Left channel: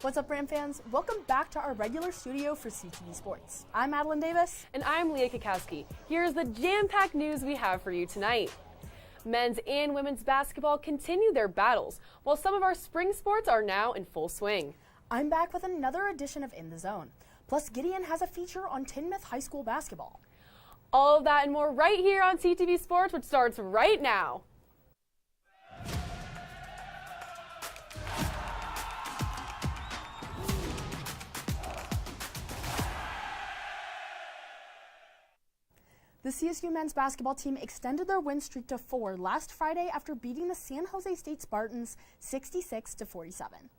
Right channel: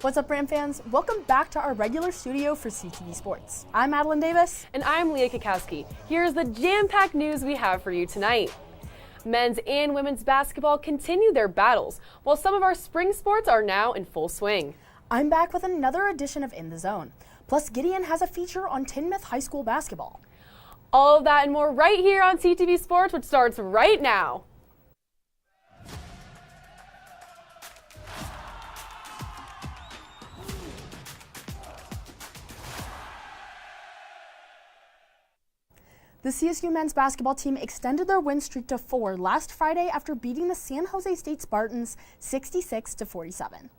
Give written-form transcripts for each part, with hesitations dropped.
What's up, Ram fans? Welcome back to our regular studio for CTV Sports. I'm Madeline Davis. And I'm Leah Cackowski. Here's the jam-packed news we have for you tonight. Men's and women's basketball continue their battles, while some of our spring sports are now in full swing. I'm back with another edition of In the Zone. Plus, Gideon has a feature on Timnath High School basketball. All of that and more right here on CTV Sports, which starts right now. The CSU men's basketball team extended their win streak to 4 last Friday after beating the San Jose State Spartans 66-47.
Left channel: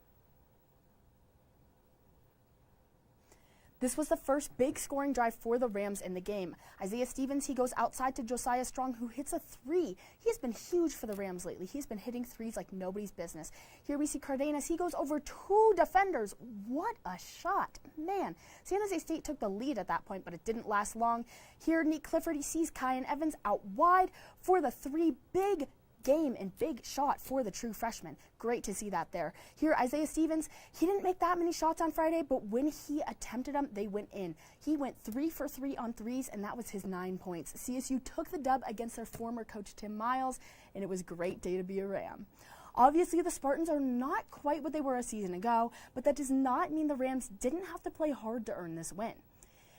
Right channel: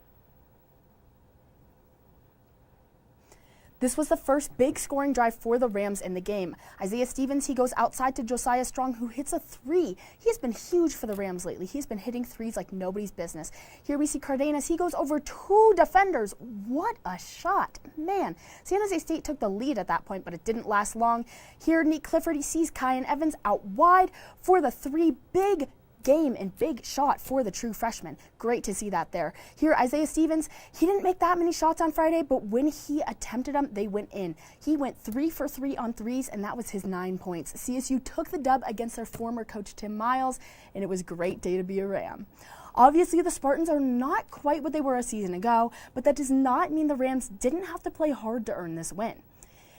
This was the first big scoring drive for the Rams in the game. Isaiah Stevens, he goes outside to Josiah Strong, who hits a three. He's been huge for the Rams lately. He's been hitting threes like nobody's business. Here we see Cardenas. He goes over 2 defenders. What a shot. Man, San Jose State took the lead at that point, but it didn't last long. Here, Nick Clifford, he sees Kyan Evans out wide for the 3. Big game and big shot for the true freshman. Great to see that there. Here, Isaiah Stevens, he didn't make that many shots on Friday, but when he attempted them, they went in. He went 3 for 3 on threes, and that was his 9 points. CSU took the dub against their former coach, Tim Miles, and it was a great day to be a Ram. Obviously, the Spartans are not quite what they were a season ago, but that does not mean the Rams didn't have to play hard to earn this win.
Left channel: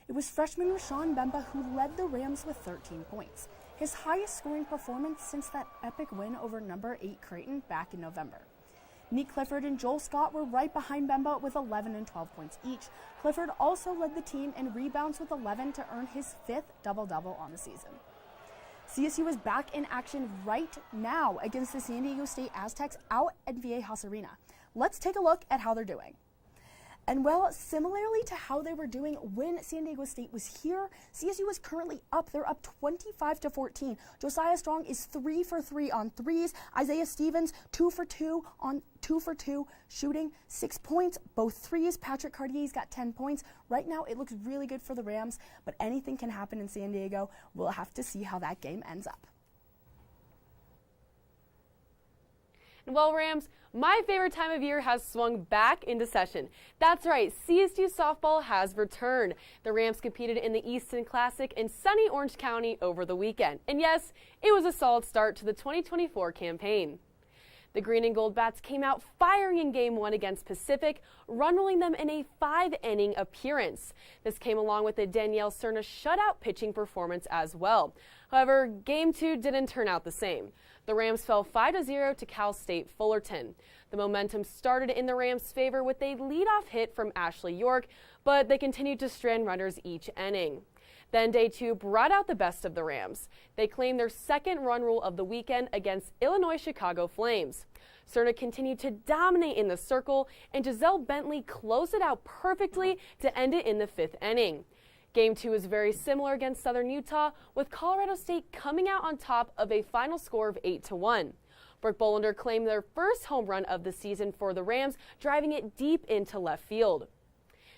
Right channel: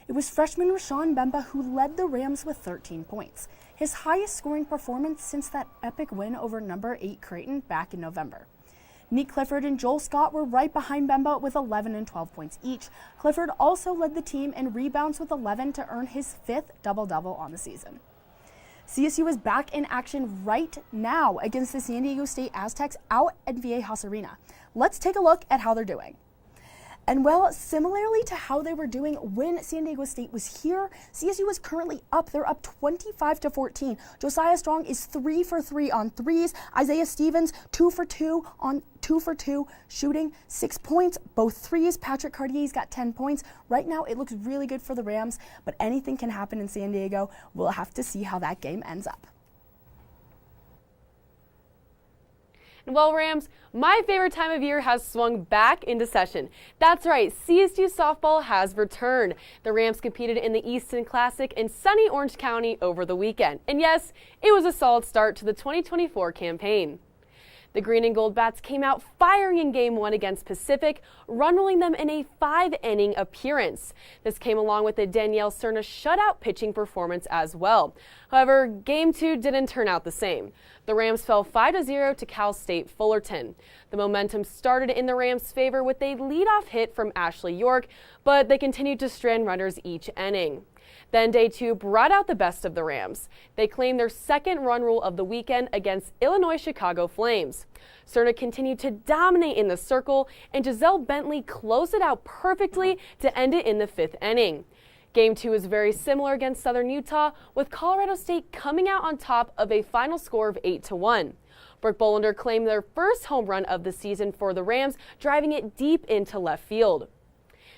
It was freshman Rashawn Bemba who led the Rams with 13 points, his highest scoring performance since that epic win over number 8 Creighton back in November. Nick Clifford and Joel Scott were right behind Bemba with 11 and 12 points each. Clifford also led the team in rebounds with 11 to earn his 5th double-double on the season. CSU is back in action right now against the San Diego State Aztecs out at Viejas Arena. Let's take a look at how they're doing. And well, similarly to how they were doing when San Diego State was here, CSU is currently up. They're up 25-14. Josiah Strong is 3 for 3 on threes. Isaiah Stevens 2 for 2 on 2 for 2, shooting 6 points, both threes. Patrick Cartier's got 10 points. Right now, it looks really good for the Rams, but anything can happen in San Diego. We'll have to see how that game ends up. Well, Rams, my favorite time of year has swung back into session. That's right, CSU softball has returned. The Rams competed in the Easton Classic in sunny Orange County over the weekend. And yes, it was a solid start to the 2024 campaign. The Green and Gold Bats came out firing in Game 1 against Pacific, run-rolling them in a 5-inning appearance. This came along with a Danielle Cerna shutout pitching performance as well. However, Game 2 didn't turn out the same. The Rams fell 5-0 to Cal State Fullerton. The momentum started in the Rams' favor with a leadoff hit from Ashley York, but they continued to strand runners each inning. Then Day 2 brought out the best of the Rams. They claimed their second run rule of the weekend against Illinois Chicago Flames. Cerna continued to dominate in the circle, and Giselle Bentley closed it out perfectly to end it in the 5th inning. Game 2 is very similar against Southern Utah, with Colorado State coming out on top of a final score of 8-1. Brooke Bolander claimed their first home run of the season for the Rams, driving it deep into left field.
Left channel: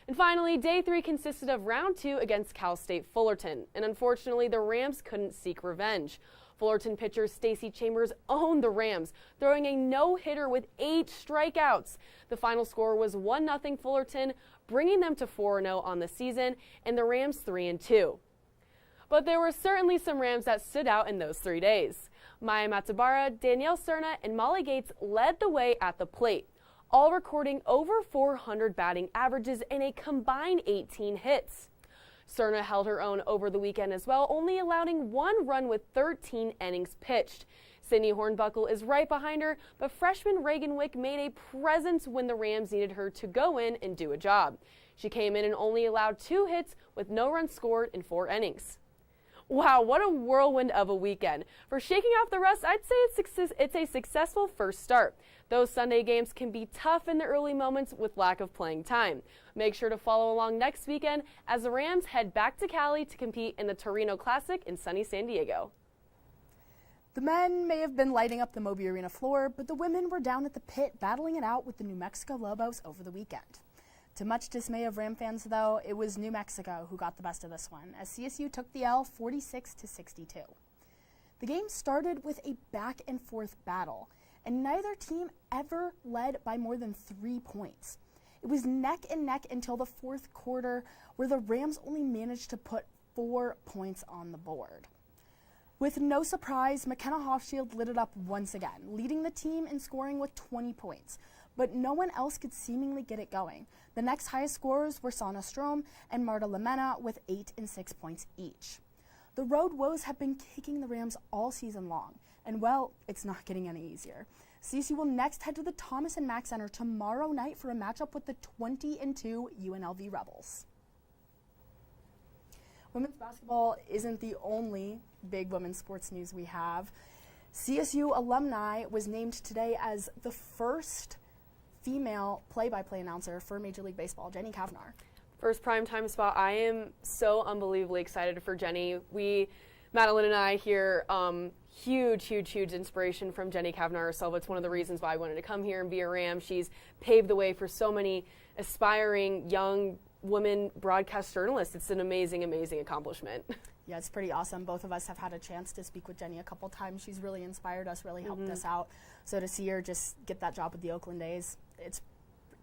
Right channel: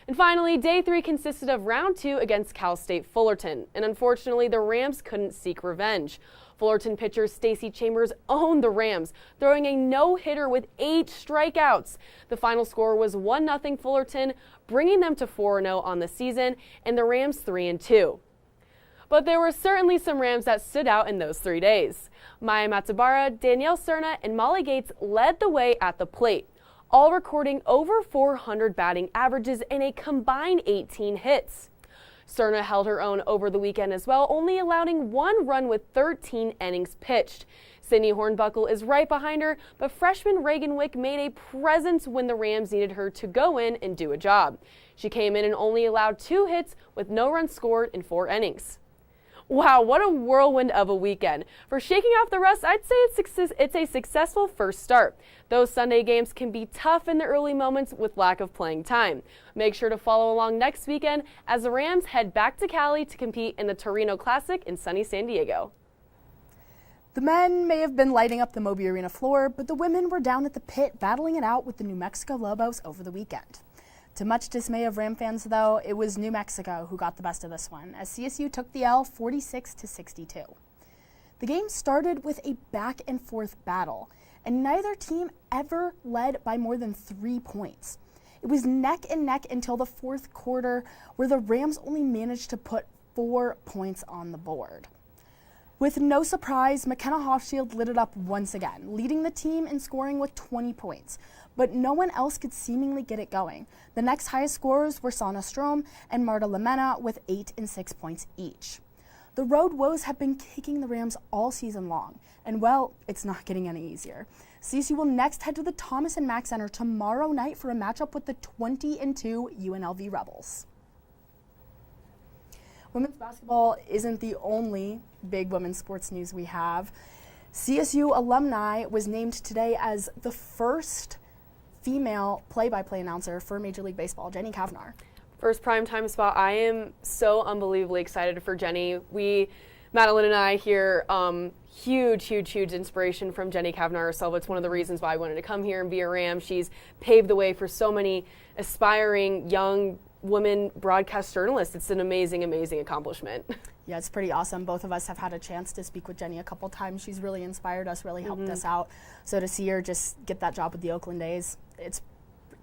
And finally, Day 3 consisted of Round 2 against Cal State Fullerton, and unfortunately, the Rams couldn't seek revenge. Fullerton pitcher Stacey Chambers owned the Rams, throwing a no-hitter with 8 strikeouts. The final score was 1-0 Fullerton, bringing them to 4-0 on the season, and the Rams 3-2. But there were certainly some Rams that stood out in those 3 days. Maya Matsubara, Danielle Cerna, and Molly Gates led the way at the plate, all recording over 400 batting averages and a combined 18 hits. Cerna held her own over the weekend as well, only allowing 1 run with 13 innings pitched. Sydney Hornbuckle is right behind her, but freshman Reagan Wick made a presence when the Rams needed her to go in and do a job. She came in and only allowed 2 hits with no runs scored in 4 innings. Wow, what a whirlwind of a weekend. For shaking off the rust, I'd say it's a successful first start. Those Sunday games can be tough in the early moments with lack of playing time. Make sure to follow along next weekend as the Rams head back to Cali to compete in the Torino Classic in sunny San Diego. The men may have been lighting up the Moby Arena floor, but the women were down at the pit battling it out with the New Mexico Lobos over the weekend. To much dismay of Ram fans, though, it was New Mexico who got the best of this one, as CSU took the L 46-62. The game started with a back-and-forth battle, and neither team ever led by more than 3 points. It was neck and neck until the fourth quarter, where the Rams only managed to put 4 points on the board. With no surprise, McKenna Hofschild lit it up once again, leading the team in scoring with 20 points. But no one else could seemingly get it going. The next highest scorers were Sana Strom and Marta Lamena with 8 and 6 points each. The road woes have been kicking the Rams all season long, and well, it's not getting any easier. CSU will next head to the Thomas and Mack Center tomorrow night for a matchup with the 20-2 UNLV Rebels. Women's basketball isn't the only big women's sports news we have. CSU alumni was named today as the first female play-by-play announcer for Major League Baseball, Jenny Kavnar. First primetime spot. I am so unbelievably excited for Jenny. Madeline and I here, huge inspiration from Jenny Kavnar herself. It's one of the reasons why I wanted to come here and be a Ram. She's paved the way for so many aspiring young women broadcast journalists. It's an amazing accomplishment. Yeah, it's pretty awesome. Both of us have had a chance to speak with Jenny a couple times. She's really inspired us, really helped us out. So to see her just get that job with the Oakland A's, it's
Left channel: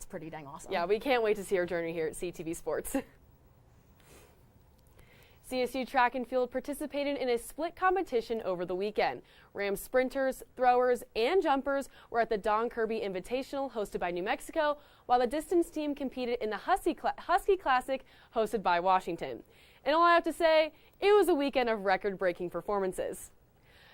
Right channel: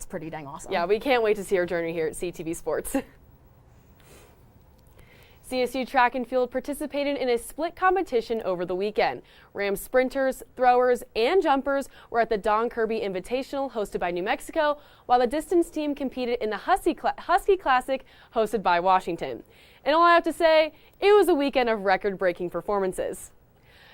pretty dang awesome. Yeah, we can't wait to see her journey here at CTV Sports. CSU track and field participated in a split competition over the weekend. Rams sprinters, throwers, and jumpers were at the Don Kirby Invitational hosted by New Mexico, while the distance team competed in the Husky Classic hosted by Washington. And all I have to say, it was a weekend of record-breaking performances.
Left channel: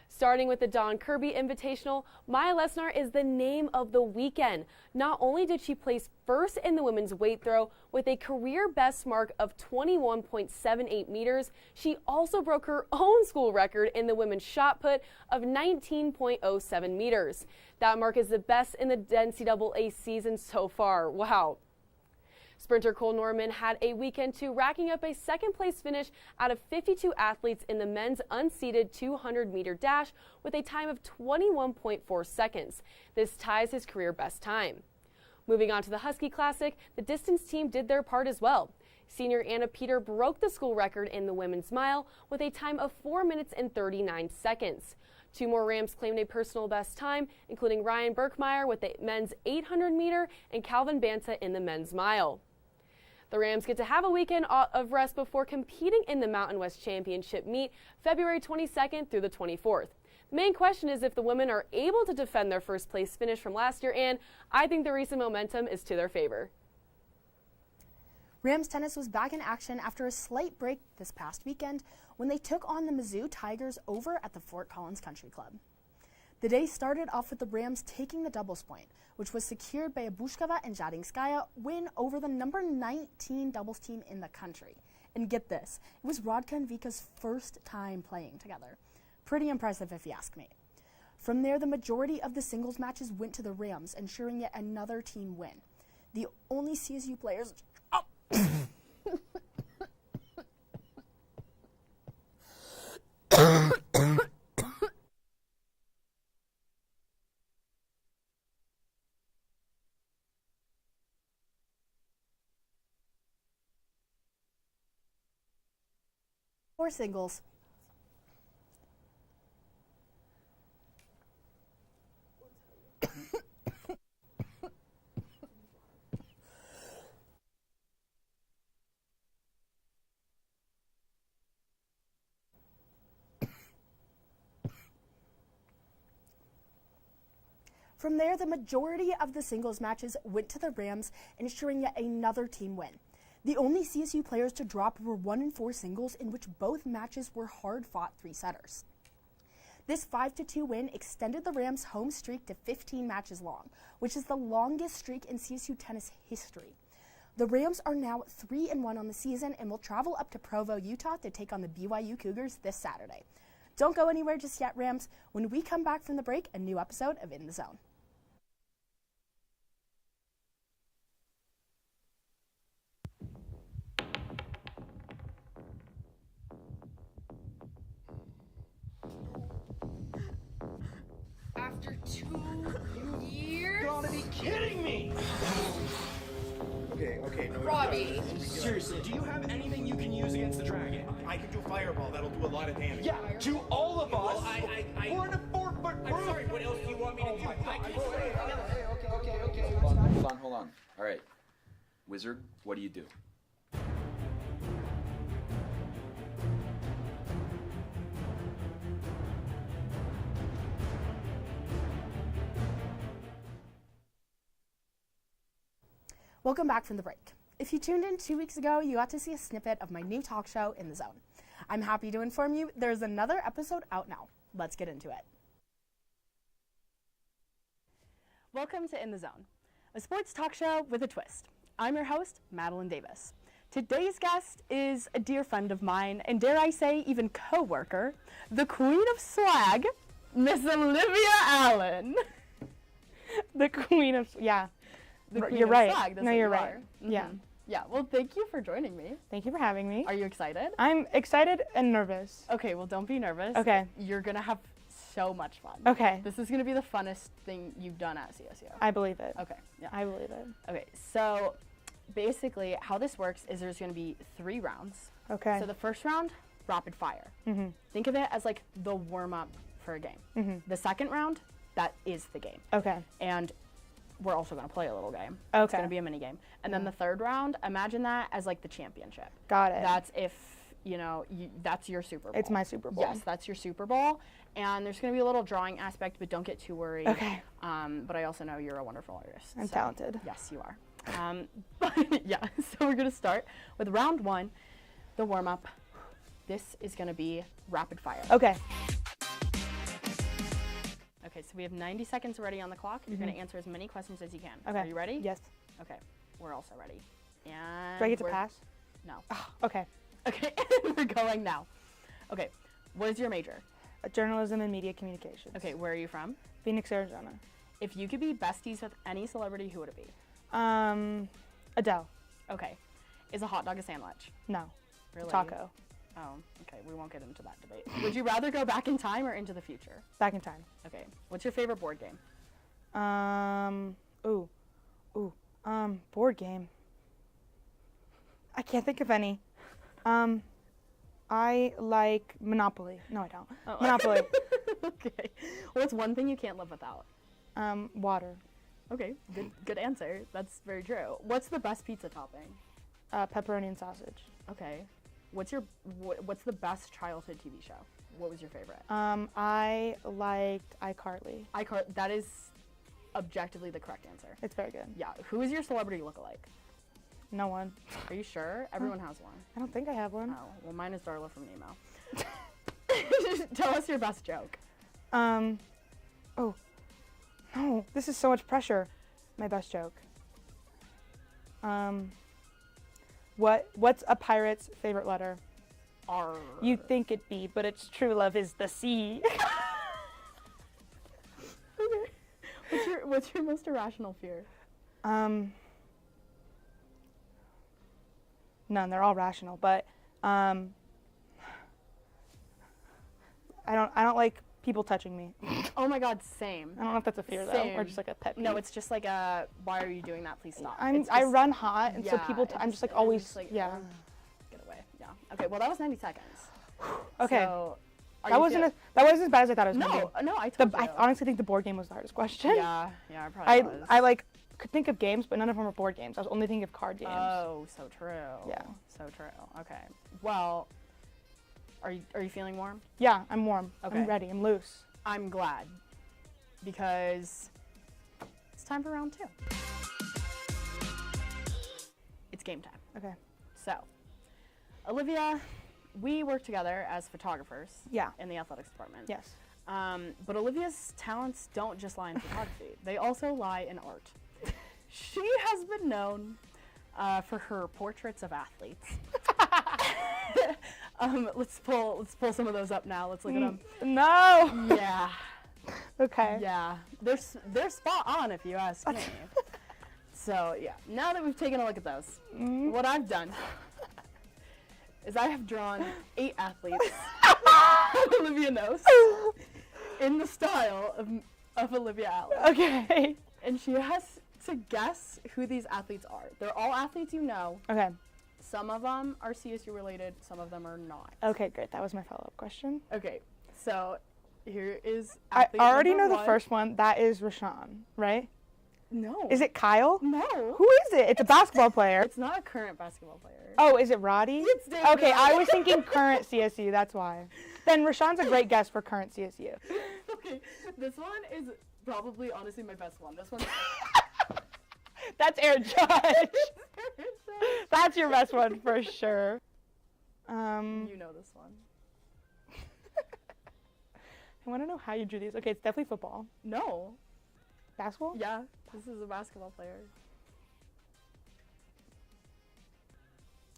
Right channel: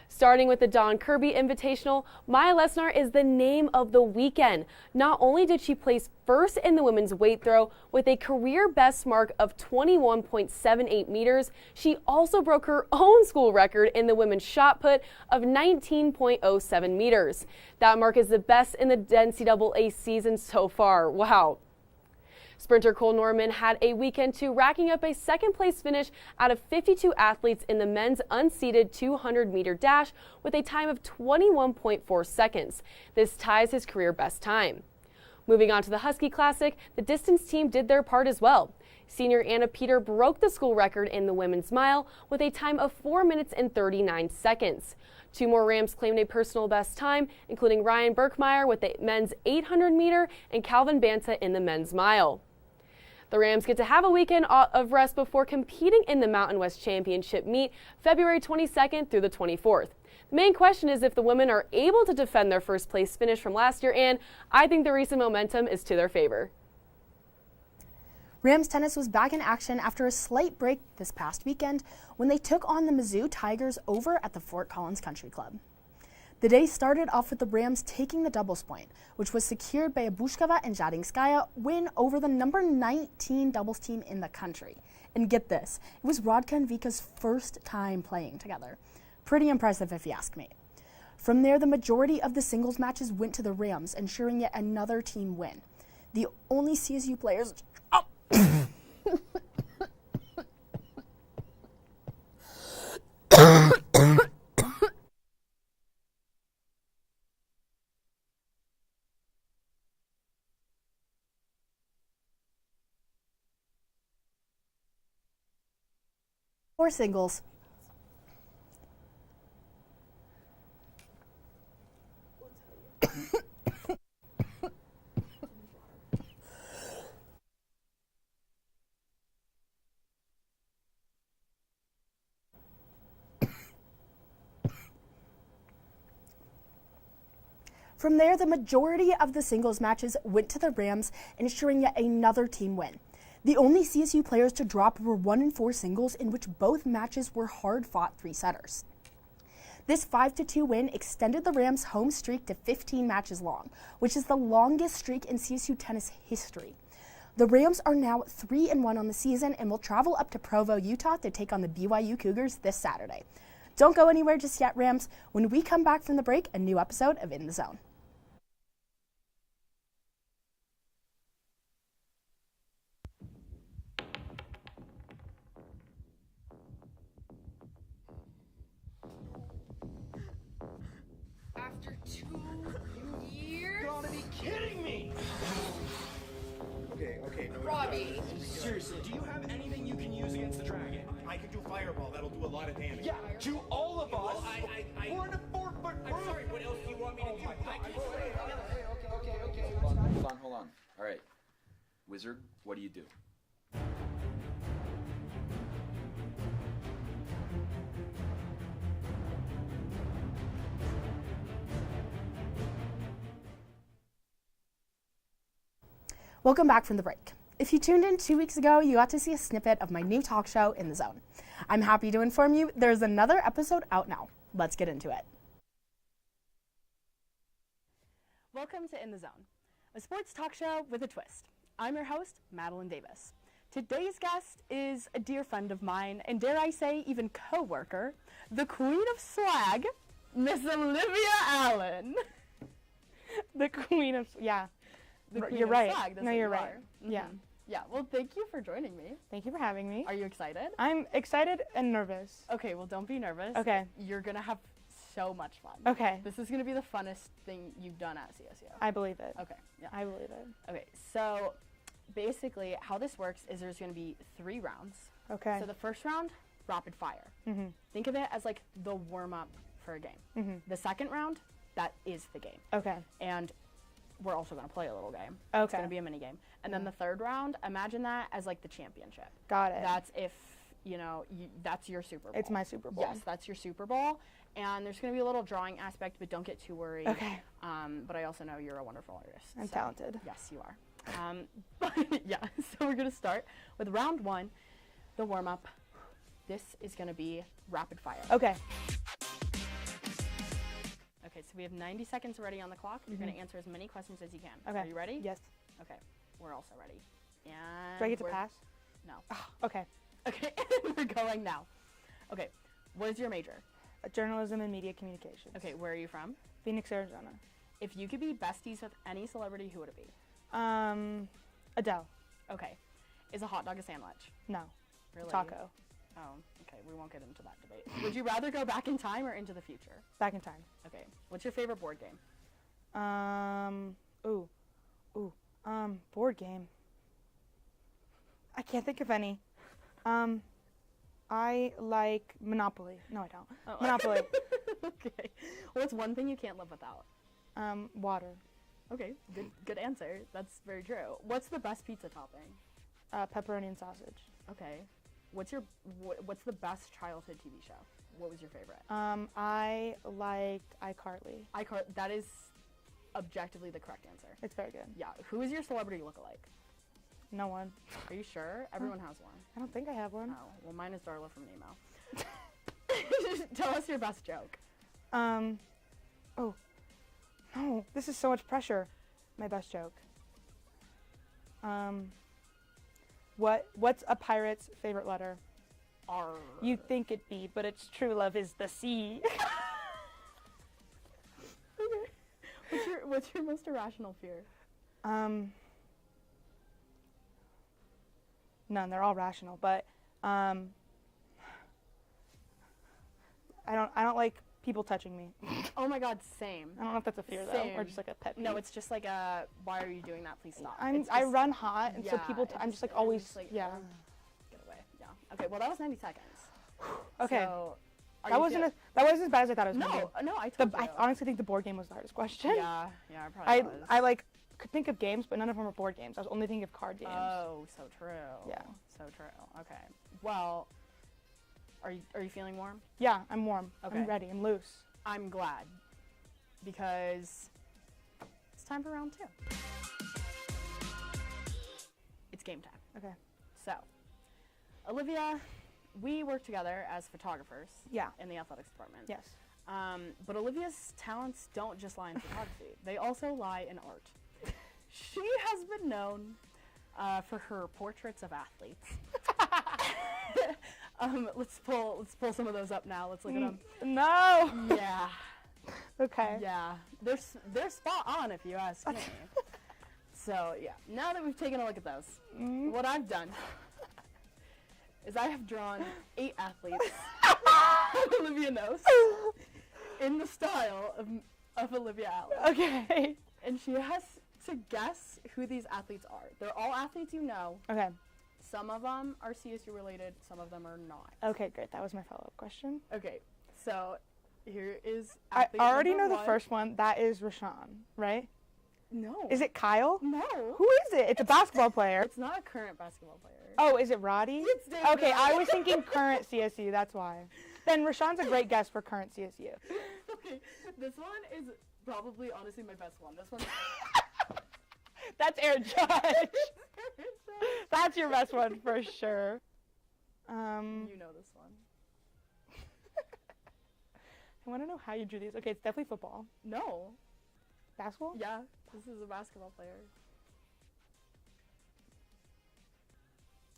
Starting with the Don Kirby Invitational, Maya Lesnar is the name of the weekend. Not only did she place first in the women's weight throw with a career best mark of 21.78 meters, she also broke her own school record in the women's shot put of 19.07 meters. That mark is the best in the NCAA season so far. Wow. Sprinter Cole Norman had a weekend too, racking up a second-place finish out of 52 athletes in the men's unseeded 200-meter dash with a time of 21.4 seconds. This ties his career best time. Moving on to the Husky Classic, the distance team did their part as well. Senior Anna Peter broke the school record in the women's mile with a time of 4 minutes and 39 seconds. 2 more Rams claimed a personal best time, including Ryan Berkmeyer with the men's 800-meter and Calvin Banta in the men's mile. The Rams get to have a weekend of rest before competing in the Mountain West Championship meet February 22nd through the 24th. The main question is if the women are able to defend their first place finish from last year, and I think the recent momentum is to their favor. Rams tennis was back in action after a slight break this past weekend when they took on the Mizzou Tigers over at the Fort Collins Country Club. The day started off with the Rams taking the doubles point, which was secured by a Bushkova and Jadinskaya win over the number 19 doubles team in the country. And get this, it was Rodka and Vika's first time playing together. Pretty impressive if you ask me. From there, the majority of the singles matches went to the Rams, ensuring yet another team win. The only CSU players... Or singles. From there, the majority of the singles matches went to the Rams, ensuring yet another team win. The only CSU players to drop were 1-4 singles, in which both matches were hard-fought 3-setters. This 5-2 win extended the Rams' home streak to 15 matches long, which is the longest streak in CSU tennis history. The Rams are now 3-1 on the season and will travel up to Provo, Utah to take on the BYU Cougars this Saturday. Don't go anywhere just yet, Rams. When we come back from the break, a new episode of In the Zone. you do. Welcome back from the break. If you tuned in 2 weeks ago, you got to see a snippet of my new talk show, In the Zone. I'm happy to inform you there's another episode out now. Let's get into it. Welcome to In the Zone, a sports talk show with a twist. I'm your host, Madeline Davis. Today's guest is a dear friend of mine, and dare I say, even co-worker, the queen of swag, Miss Olivia Allen. The queen of, yeah. Queen You're of right. swag, that's No, what you're you right. are. Yeah. Yeah, well, thank you for joining me. Thank you for having me. Are you excited? I'm excited and nervous. Okay, well, don't be nervous. Okay. You're going to have so much fun. Okay. This is going to be the funnest thing you've done at CSU. I believe it. Okay, yeah. I believe it. Okay, so basically how this works is there's going to be 3 rounds. Okay. So the first round, rapid fire. Mm-hmm. Think of it as like the warm-up for a game. Mm-hmm. The second round, that is the game. Okay. And we're also going to play a little game. It's Okay. going to be a mini game. And then the third round, imagine that as like the championship. Got it. That's if, that's your Super Bowl. It's my Super Bowl. Yes, that's your Super Bowl. And there's going to be a little drawing aspect, but don't get too worried. Okay. But I also know you're a wonderful artist. I'm talented. Yes, you are. But yeah, so we're going to start with round 1, the warm-up. This is going to be rapid fire. Okay. Okay, so we have 90 seconds already on the clock. You're going to answer as many questions as you can. Okay. Are you ready? Yes. Okay, we're also ready. And Do I get to we're- pass? No. Okay. Okay, we're going now. Okay, what is your major? Journalism and media communications. Okay, where are you from? Phoenix, Arizona. If you could be besties with any celebrity, who would it be? Adele. Okay. Is a hot dog a sandwich? No. Really? Taco. Oh, okay. We won't get into that debate. Would you rather go back in time or into the future? Back in time. Okay. What's your favorite board game? Board game. I can't think of any. I like Monopoly. No, I don't. Oh. Monopoly. Okay. What's one thing you can't live without? Water. Okay. Good answer. That's very true. What's the best pizza topping? Pepperoni and sausage. Okay. What's the best childhood TV show? What was your favorite? I liked iCarly. That is objectively the correct answer. It's very good. Yeah. Who is your celebrity lookalike? No one. Are you sure? Everyone has one. I don't think I have one. Oh, well, mine is Darla from email. Tell us your best joke. Oh, this is so much pressure. My best joke. What's a pirate's favorite letter? R. You'd think it be, but its true love is the C. What's your most irrational fear? None. They're all rational, but I don't like people touching me. Oh my God, same. I don't know if that's a fear Same. though, or just like a pet peeve. No, it's just like why are you doing that? Please stop. I run hot, and so yeah, people. I'm just like always. just like, yeah. Get away. Yeah. Okay. Well, that was 90 seconds. Okay. So, That wasn't as bad as I thought it was gonna be. No, I told you. I honestly think the board game was the hardest question. Yeah, it probably was. I could think of games, but none of them were board games. I was only thinking of card games. Oh, so true. Yeah. So true. Okay. Well, are you feeling warm? Yeah, I'm warm. Okay. I'm ready. I'm loose. I'm glad, because it's time for round 2. It's game time. Okay. So, Olivia, we work together as photographers. Yeah. In the athletics department. Yes. But Olivia's talents don't just lie in photography; they also lie in art. She has been known for her portraits of athletes. Let's pull some of those up now. Let's look at them. No. Yeah. Okay. Yeah. They're spot on if you ask me. So yeah. Now that we've taken a look at those, what I've done is I have drawn 8 athletes Olivia knows in the style of Olivia Allen. Okay. And she has to guess who these athletes are. They're all athletes you know. Okay. Some of them are CSU related, some of them are not. Okay, great. That was my follow-up question. Okay, so here is I athlete already number know the 1. first one. That is Rashawn, right? No. Is it Kyle? No. Who is it? It's a basketball player. It's not a current basketball player. Oh, is it Roddy? It's David Okay, I Roddy. was thinking current CSU, that's why. Then Rashawn's a great guess for current CSU. Okay, this one is probably honestly my best one. This one. That's Aaron Judge. That's your best one for sure. You know this one. I want to know how you drew these. Okay, it's definitely football. No. Basketball? Yeah, this is a basketball player.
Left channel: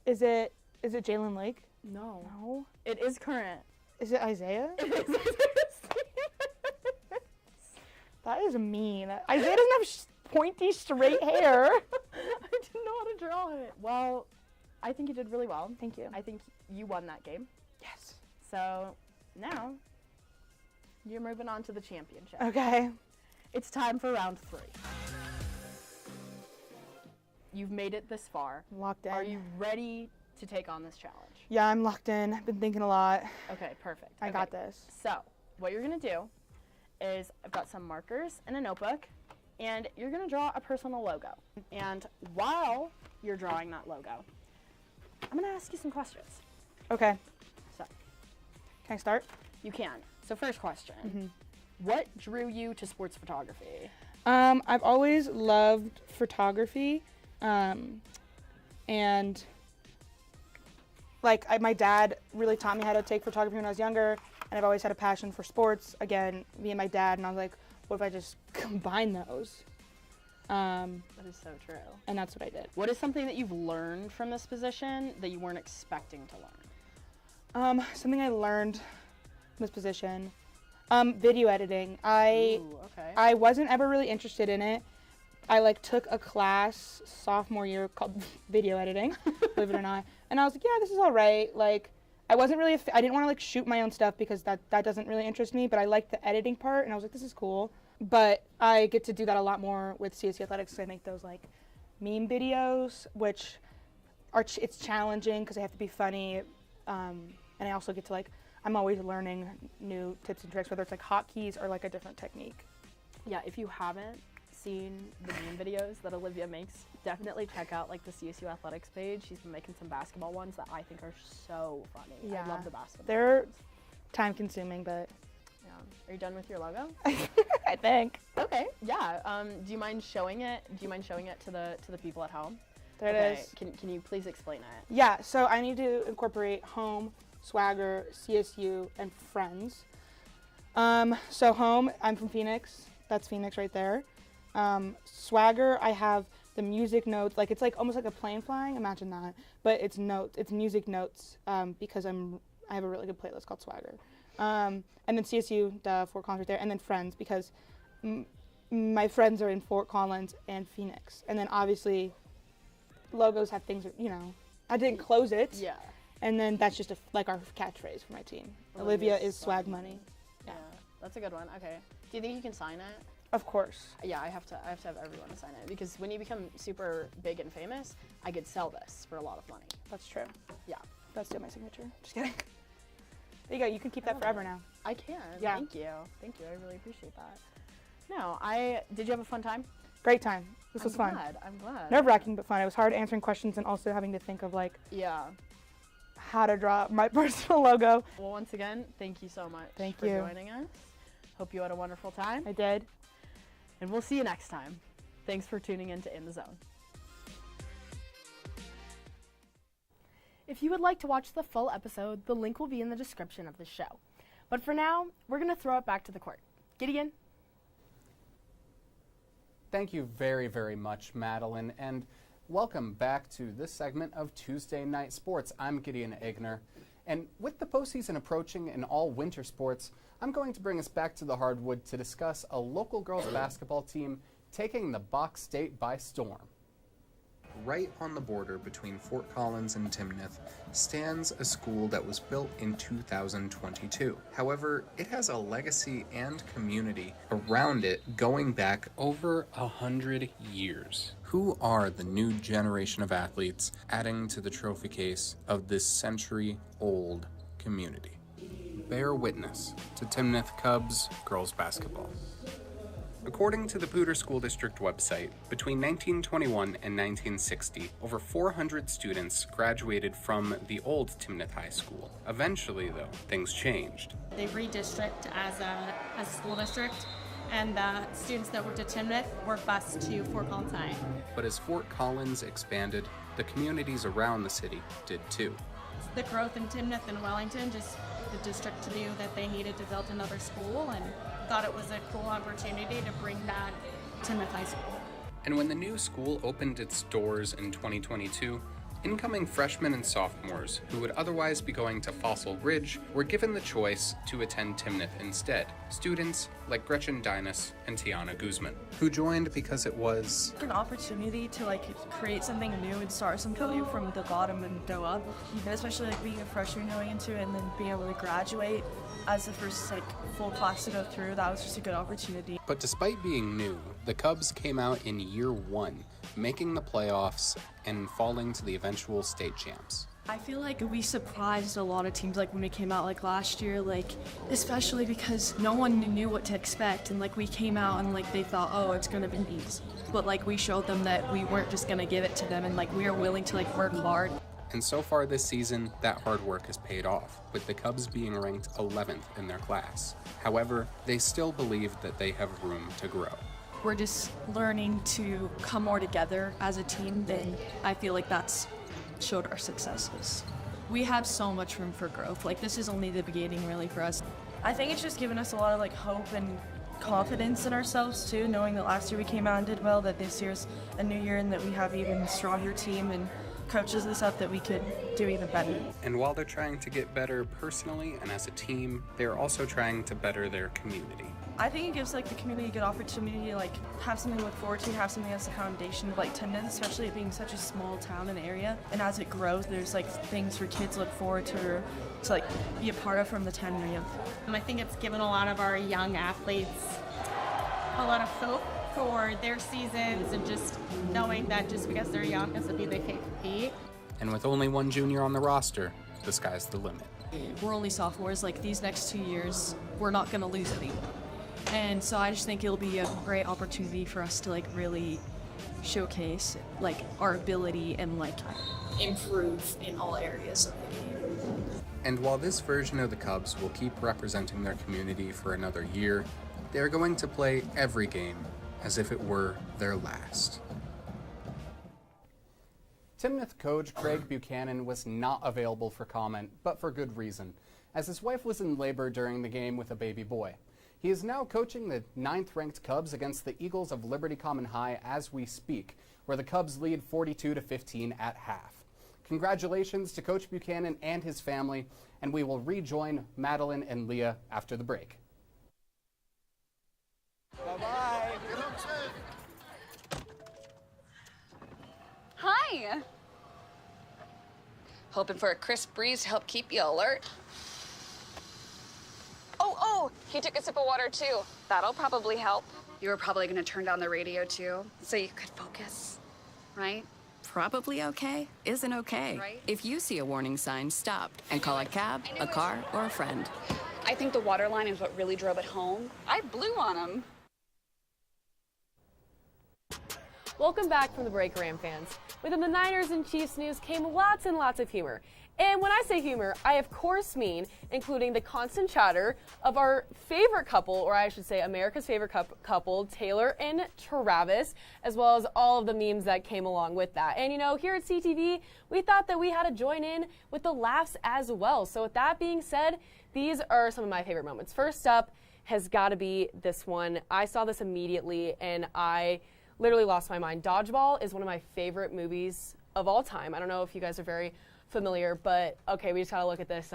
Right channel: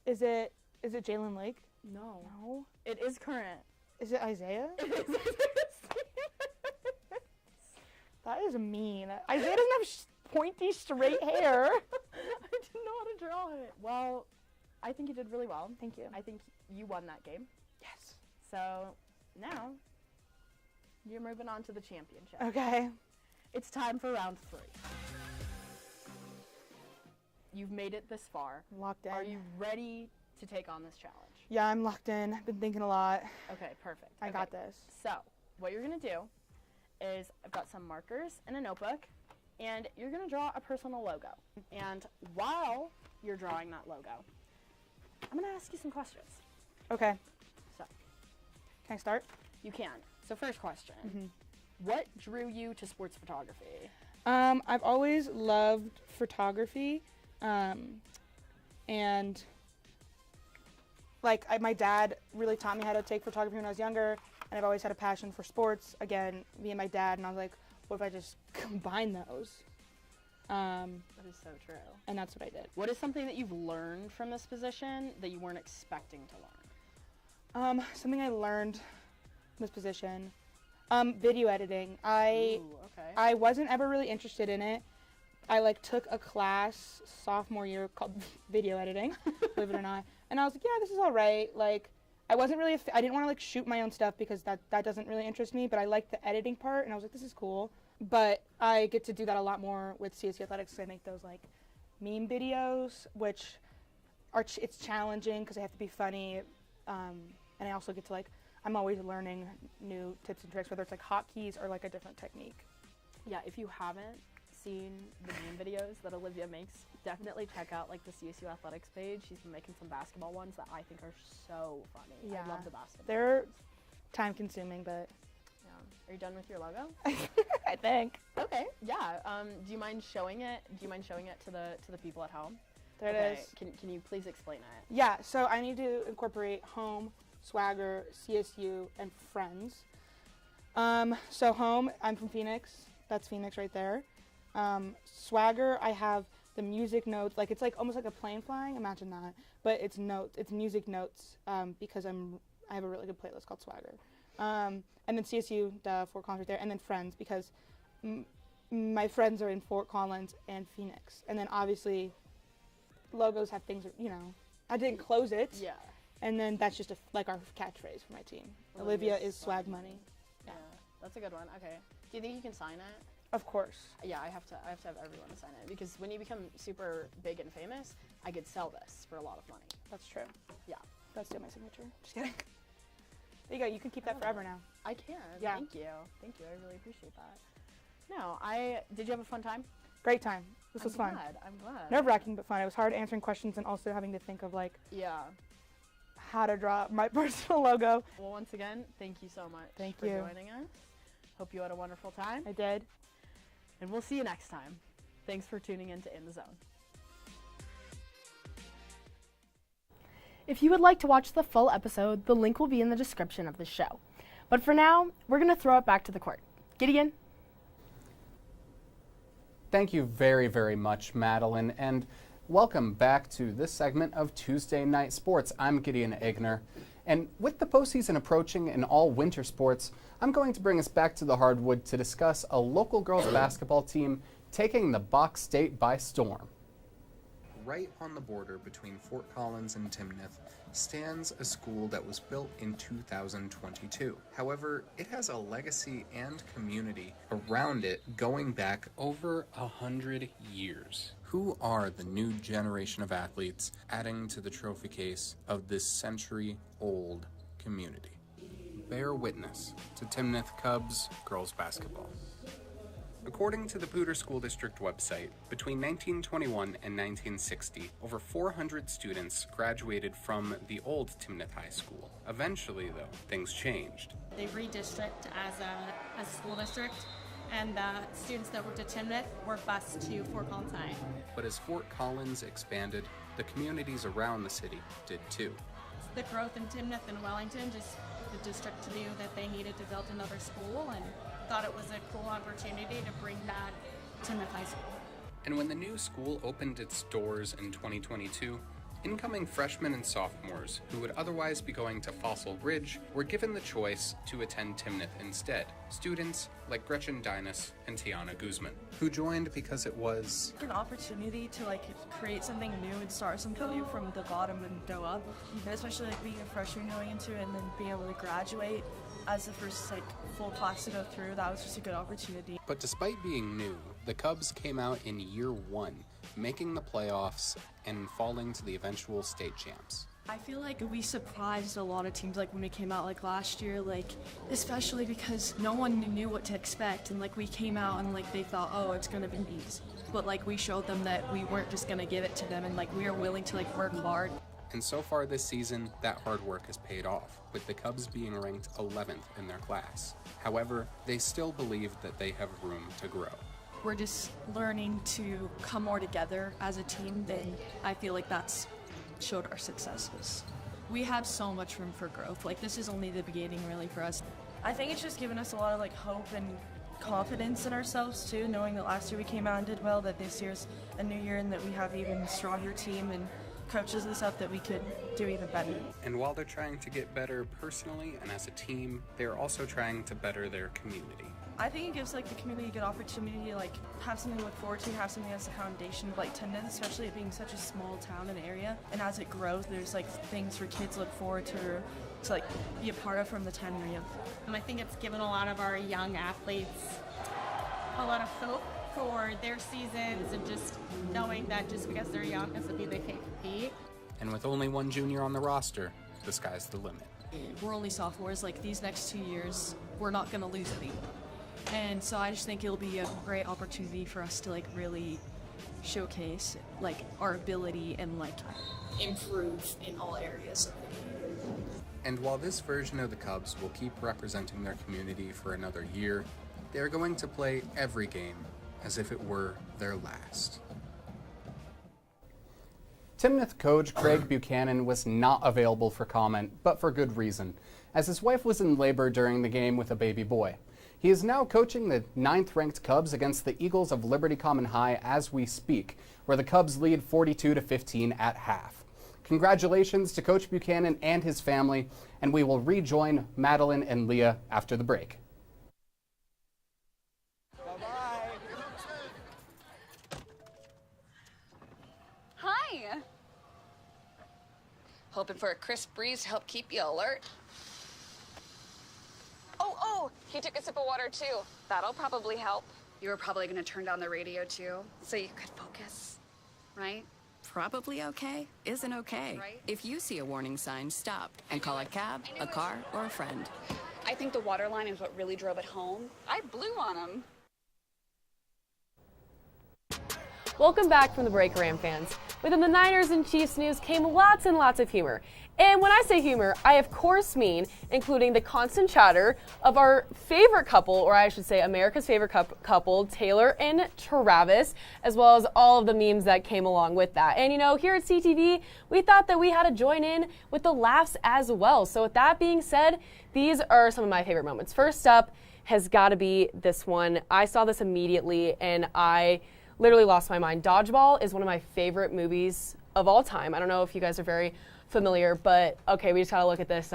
Is it Jalen Lake? No. No. It is current. Is it Isaiah? That is mean. Isaiah doesn't have pointy, straight hair. I didn't know how to draw it. Well, I think you did really well. Thank you. I think you won that game. Yes. So now you're moving on to the championship. Okay. It's time for round 3. You've made it this far. Locked in. Are you ready to take on this challenge? Yeah, I'm locked in. I've been thinking a lot. Okay, perfect. I got this. So, what you're going to do is I've got some markers and a notebook, and you're going to draw a personal logo. And while you're drawing that logo, I'm going to ask you some questions. Okay. So, Can I start? you can. So, first question. What drew you to sports photography? I've always loved photography, and my dad really taught me how to take photography when I was younger, and I've always had a passion for sports. Again, me and my dad, and I was like, what if I just combine those? That is so true. And that's what I did. What is something that you've learned from this position that you weren't expecting to learn? Something I learned from this position, video editing. Ooh, okay. I wasn't ever really interested in it. I took a class sophomore year called video editing, believe it or not. And I was like, yeah, this is all right. I wasn't really, I didn't want to shoot my own stuff because that doesn't really interest me, but I liked the editing part, and I was like, this is cool. But I get to do that a lot more with CSU Athletics, so I make those meme videos, which it's challenging because I have to be funny, and I also get to I'm always learning new tips and tricks, whether it's hotkeys or a different technique. Yeah, if you haven't seen the meme videos that Olivia makes, definitely check out the CSU Athletics page. She's been making some basketball ones that I think are so funny. Yeah. I love the basketball. They're time consuming, but Yeah. Are you done with your logo? I think. Okay. Yeah. Do you mind showing it? Do you mind showing it to the people at home? There it is. Can you please explain it? Yeah, so I need to incorporate home, swagger, CSU, and friends. So home, I'm from Phoenix. That's Phoenix right there. Swagger, I have the music notes. It's almost like a plane flying. Imagine that. But it's notes. It's music notes because I have a really good playlist called Swagger. And then CSU, the Fort Collins right there. And then friends because my friends are in Fort Collins and Phoenix. And then obviously logos have things that, I didn't close it. Yeah. And then that's just our catchphrase for my team. Olivia is swag money. Yeah. That's a good one. Okay. Do you think you can sign it? Of course. Yeah, I have to have everyone sign it because when you become super big and famous, I could sell this for a lot of money. That's true. Yeah. That's still my signature. Just kidding. There you go. You can keep that forever now. I can. Yeah. Thank you. Thank you. I really appreciate that. No, did you have a fun time? Great time. This was fun. I'm glad. Nerve-wracking, but fun. It was hard answering questions and also having to think of Yeah. how to draw my personal logo. Well, once again, thank you so much Thank for you. joining us. Hope you had a wonderful time, I did. and we'll see you next time. Thanks for tuning in to In the Zone. If you would like to watch the full episode, the link will be in the description of the show. But for now, we're going to throw it back to the court. Gideon? Thank you very, very much, Madeline, and welcome back to this segment of Tuesday Night Sports. I'm Gideon Aigner, and with the postseason approaching in all winter sports, I'm going to bring us back to the hardwood to discuss a local girls basketball team taking the Bach State by storm. Right on the border between Fort Collins and Timnath stands a school that was built in 2022. However, it has a legacy and community around it going back over 100 years. Who are the new generation of athletes adding to the trophy case of this century-old community? Bear witness to Timnath Cubs girls basketball. According to the Poudre School District website, between 1921 and 1960, over 400 students graduated from the old Timnath High School. Eventually, though, things changed. They redistrict as a school district, and the students that went to Timnath were bused to Fort Collins. But as Fort Collins expanded, the communities around the city did too. The growth in Timnath and Wellington, just the district knew that they needed to build another school and thought it was a cool opportunity to bring back Timnath High School. And when the new school opened its doors in 2022, incoming freshmen and sophomores who would otherwise be going to Fossil Ridge were given the choice to attend Timnath instead. Students like Gretchen Dinas and Tiana Guzman, who joined because it was an opportunity to create something new and start something from the bottom and go up. Especially being a freshman going into it and then being able to graduate as the first full class to go through, that was just a good opportunity. But despite being new, the Cubs came out in year one, making the playoffs and falling to the eventual state champs. I feel like we surprised a lot of teams when we came out last year, especially because no one knew what to expect, and we came out and they thought, oh, it's going to be easy. But we showed them that we weren't just going to give it to them, and we are willing to work hard. And so far this season, that hard work has paid off, with the Cubs being ranked 11th in their class. However, they still believe that they have room to grow. We're just learning to come more together as a team, and I feel like that's showed our successes. We have so much room for growth. This is only the beginning really for us. I think it's just given us a lot of hope and confidence in ourselves too, knowing that last year we came out and did well, that this year's a new year and that we have even a stronger team and coaches and stuff that we could do even better. And while they're trying to get better personally and as a team, they're also trying to better their community. I think it gives the community a good opportunity to have something to look forward to, have something as a foundation of Timnath, especially it being such a small town and area. And as it grows, there's things for kids look forward to or to be a part of from the time they're young. I think it's given a lot of our young athletes a lot of hope for their seasons and just knowing that just because they're young doesn't mean they can't compete. And with only one junior on the roster, the sky's the limit. We're only sophomores. These next 2 years, we're not going to lose anyone. And so I just think it'll be a great opportunity for us to really showcase our ability and improve in all areas of the game. And while this version of the Cubs will keep representing their community for another year, they're going to play every game as if it were their last. Timnath coach Craig Buchanan was not available for comment, but for good reason, as his wife was in labor during the game with a baby boy. He is now coaching the 9th-ranked Cubs against the Eagles of Liberty Common High as we speak, where the Cubs lead 42-15 at half. Congratulations to Coach Buchanan and his family, and we will rejoin Madeline and Leah after the break. Hi. Hoping for a crisp breeze to help keep you alert. Oh, he took a sip of water too. That'll probably help. You were probably going to turn down the radio too, so you could focus, right? Probably okay isn't okay. Right. If you see a warning sign, stop and call a cab, a car, or a friend. I think the water line is what really drove it home. I blew on him. Welcome back from the break, Ram fans. Within the Niners and Chiefs news came lots and lots of humor. And when I say humor, I of course mean including the constant chatter of our favorite couple, or I should say America's favorite couple, Taylor and Travis, as well as all of the memes that came along with that. And here at CTV, we thought that we had to join in with the laughs as well. So with that being said, these are some of my favorite moments. First up has got to be this one. I saw this immediately and I literally lost my mind. Dodgeball is one of my favorite movies of all time. I don't know if you guys are very familiar, but okay, we just gotta look at this.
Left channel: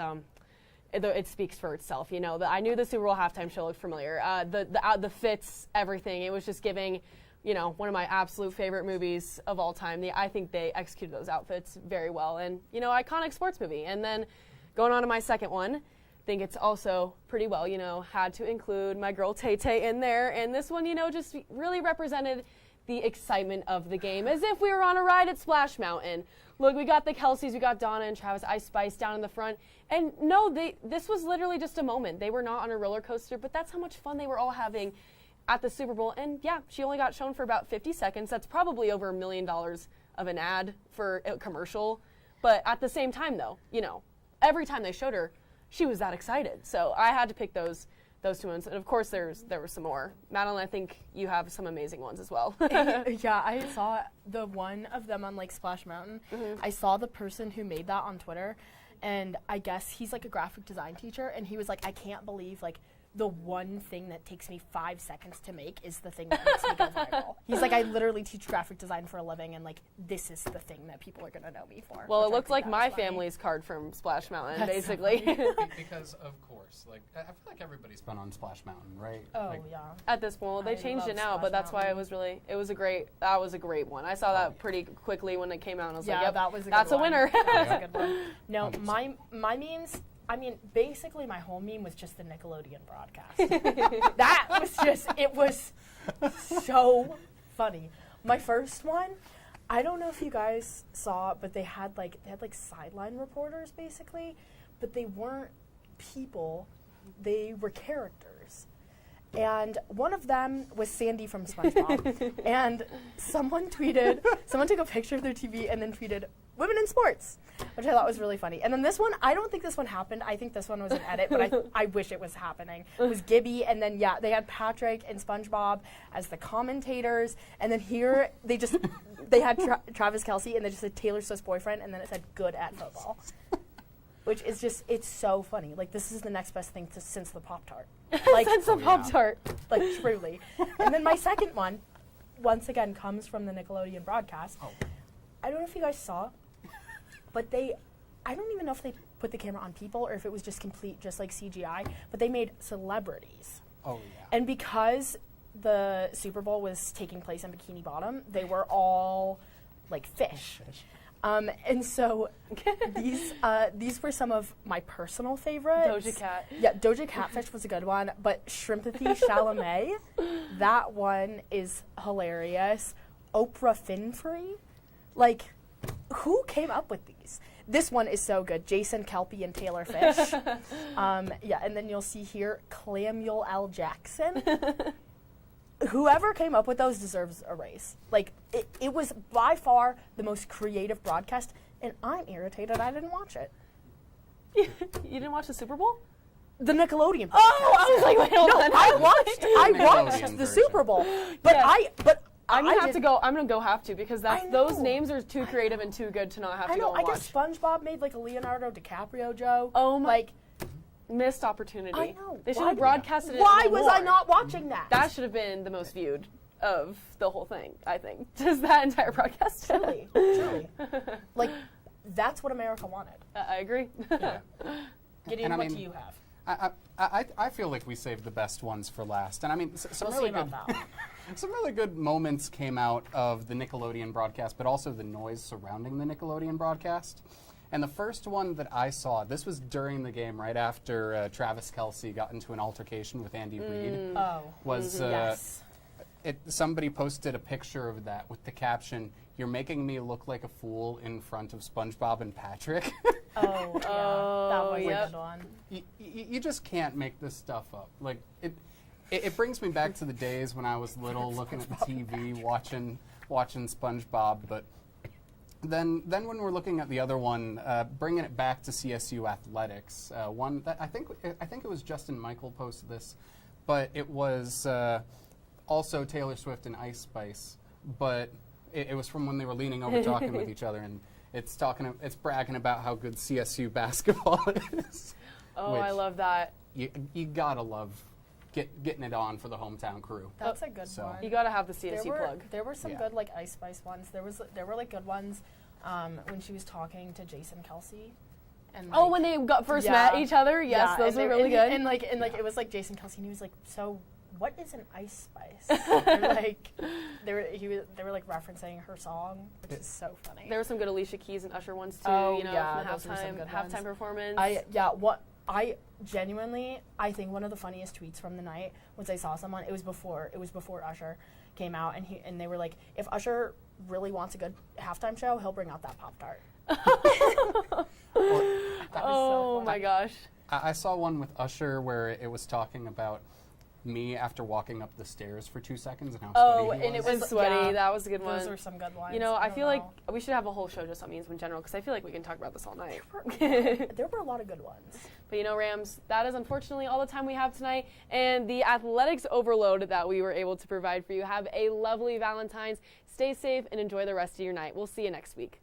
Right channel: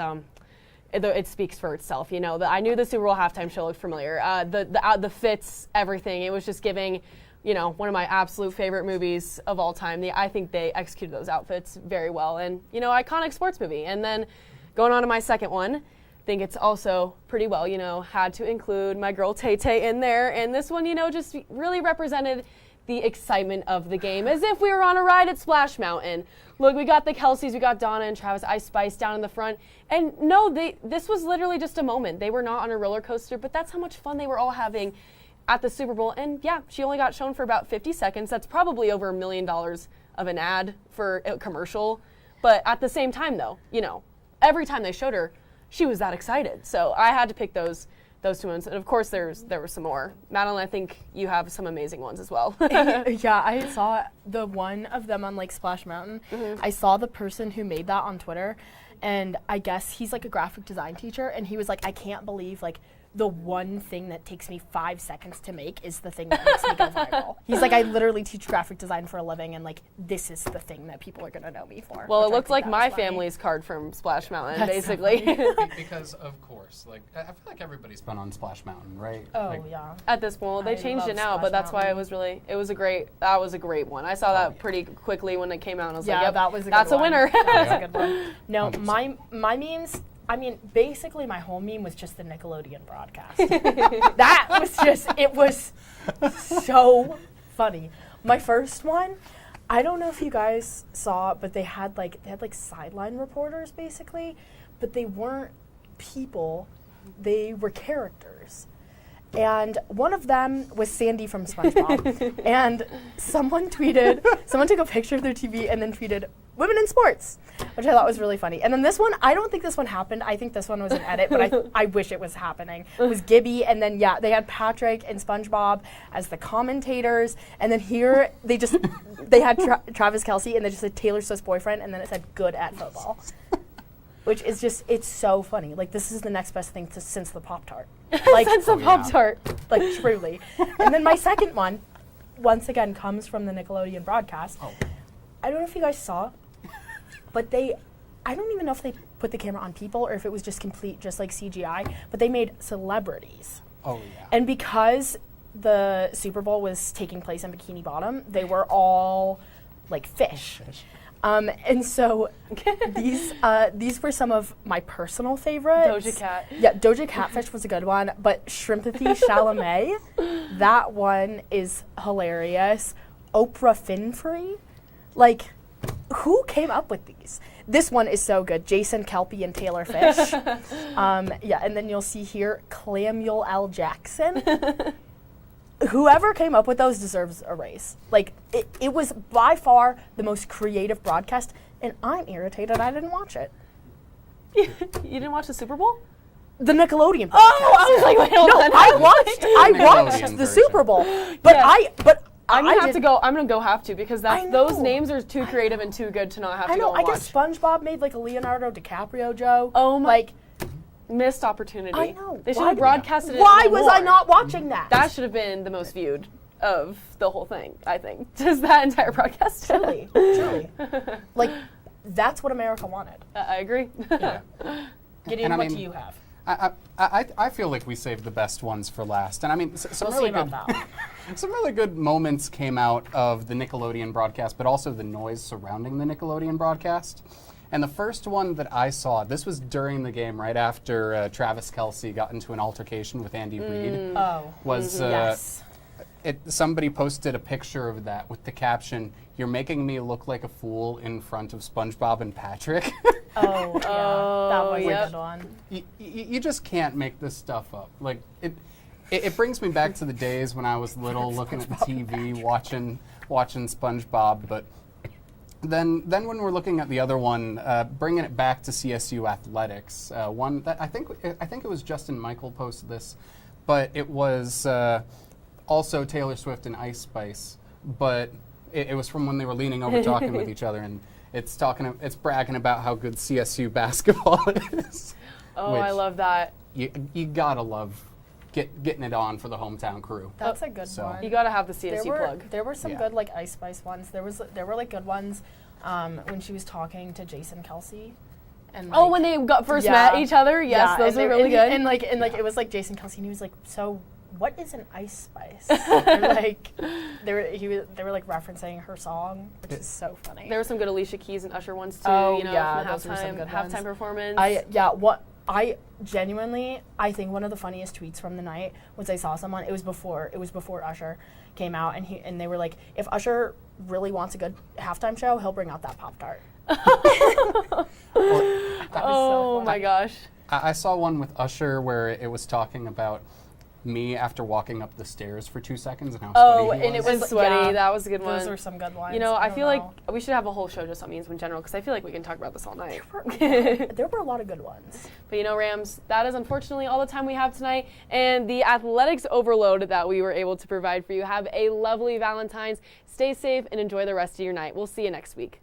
It speaks for itself. I knew the Super Bowl halftime show looked familiar. The fits, everything. It was just giving, one of my absolute favorite movies of all time. I think they executed those outfits very well, and iconic sports movie. And then going on to my second one, I think it's also pretty well. Had to include my girl Tay Tay in there, and this one, just really represented the excitement of the game, as if we were on a ride at Splash Mountain. Look, we got the Kelseys, we got Donna and Travis Ice Spice down in the front. And no, this was literally just a moment. They were not on a roller coaster, but that's how much fun they were all having at the Super Bowl, and yeah, she only got shown for about 50 seconds. That's probably over $1 million of an ad for a commercial. But at the same time, though, every time they showed her, she was that excited. So I had to pick those two ones. And of course, there were some more. Madeline, I think you have some amazing ones as well. Yeah, I saw the one of them on Splash Mountain. I saw the person who made that on Twitter, and I guess he's a graphic design teacher, and he was like, I can't believe the one thing that takes me 5 seconds to make is the thing that makes me go viral. He's like, I literally teach graphic design for a living, and this is the thing that people are gonna know me for. Well, it looked like my family's card from Splash Mountain, That's basically. Because of course, I feel like everybody's been on Splash Mountain, right? Oh yeah. At this point, they I changed love it now, Splash but that's why Mountain. that was a great one. I saw that pretty quickly when it came out. And I was like, Yeah, yep, that was a that's good a winner. That was a good one. No, 100%. my memes. Basically my whole meme was just the Nickelodeon broadcast. It was so funny. My first one, I don't know if you guys saw, but they had sideline reporters basically, but they weren't people, they were characters. And one of them was Sandy from SpongeBob. And someone took a picture of their TV and then tweeted, "Women in sports," which I thought was really funny. And then this one, I don't think this one happened. I think this one was an edit, but I wish it was happening. It was Gibby, and then they had Patrick and SpongeBob as the commentators. And then here, they had Travis Kelce, and they just said Taylor Swift's boyfriend, and then it said good at football. Which is it's so funny. This is the next best thing since the Pop-Tart. Since the Pop-Tart. Truly. And then my second one, once again, comes from the Nickelodeon broadcast. Oh. I don't know if you guys saw, but I don't even know if they put the camera on people or if it was just CGI, but they made celebrities. Oh, yeah. And because the Super Bowl was taking place in Bikini Bottom, they were all fish. And so these were some of my personal favorites. Doja Cat. Yeah, Doja Catfish was a good one, but Shrimpathy Chalamet, that one is hilarious. Oprah Winfrey, who came up with these? This one is so good. Jason Kelpie and Taylor Fish. And then you'll see here Clamuel L. Jackson. Whoever came up with those deserves a raise. It was by far the most creative broadcast, and I'm irritated I didn't watch it. You didn't watch the Super Bowl? The Nickelodeon broadcast. Oh, I was like, wait, hold on. I watched Nickelodeon the version. Super Bowl, but Yes. I'm I gonna have to because those names are too creative and too good to not have to go and I watch. guess SpongeBob made a Leonardo DiCaprio joke. Oh my! Missed opportunity. I know. They should have broadcasted it. Why a little was I more. not watching that? That should have been the most viewed of the whole thing. I think just that entire broadcast. Truly. That's what America wanted. I agree. Yeah. Gideon, And what do you have? I feel like we saved the best ones for last. And some We'll really see about good that. some really good moments came out of the Nickelodeon broadcast, but also the noise surrounding the Nickelodeon broadcast. And the first one that I saw, this was during the game, right after Travis Kelce got into an altercation with Andy Reid. Oh. Was Yes. somebody posted a picture of that with the caption, "You're making me look like a fool in front of SpongeBob and Patrick." Oh, yeah. That was a good one. You just can't make this stuff up. It brings me back to the days when I was little, looking at the TV, watching SpongeBob. But then when we're looking at the other one, bringing it back to CSU athletics, one that I think it was Justin Michael posted this, but it was also Taylor Swift and Ice Spice, but it was from when they were leaning over talking with each other, and it's bragging about how good CSU basketball is. Oh, I love that. You gotta love getting it on for the hometown crew. That's a good So- one. You gotta have the CSU plug. There were some Yeah. good Ice Spice ones. There were good ones when she was talking to Jason Kelce. And When they first met each other, yes, those were really good. And it was Jason Kelce, and he was like, "So, what is an Ice Spice?" they were referencing her song, which is so funny. There were some good Alicia Keys and Usher ones too. Oh, from yeah, the those were some good ones. halftime performance. I genuinely, I think one of the funniest tweets from the night was I saw someone. It was before Usher came out, and they were like, "If Usher really wants a good halftime show, he'll bring out that Pop-Tart." Oh my gosh. I saw one with Usher where it was talking about me after walking up the stairs for 2 seconds and how Oh, sweaty he and it was. was sweaty. Yeah, that was a good one. Those were some good ones. You know, I don't feel like know. we should have a whole show just on memes in general because I feel like we can talk about this all night. There were a lot of good ones. But you know, Rams, that is unfortunately all the time we have tonight and the athletics overload that we were able to provide for you. Have a lovely Valentine's. Stay safe and enjoy the rest of your night. We'll see you next week.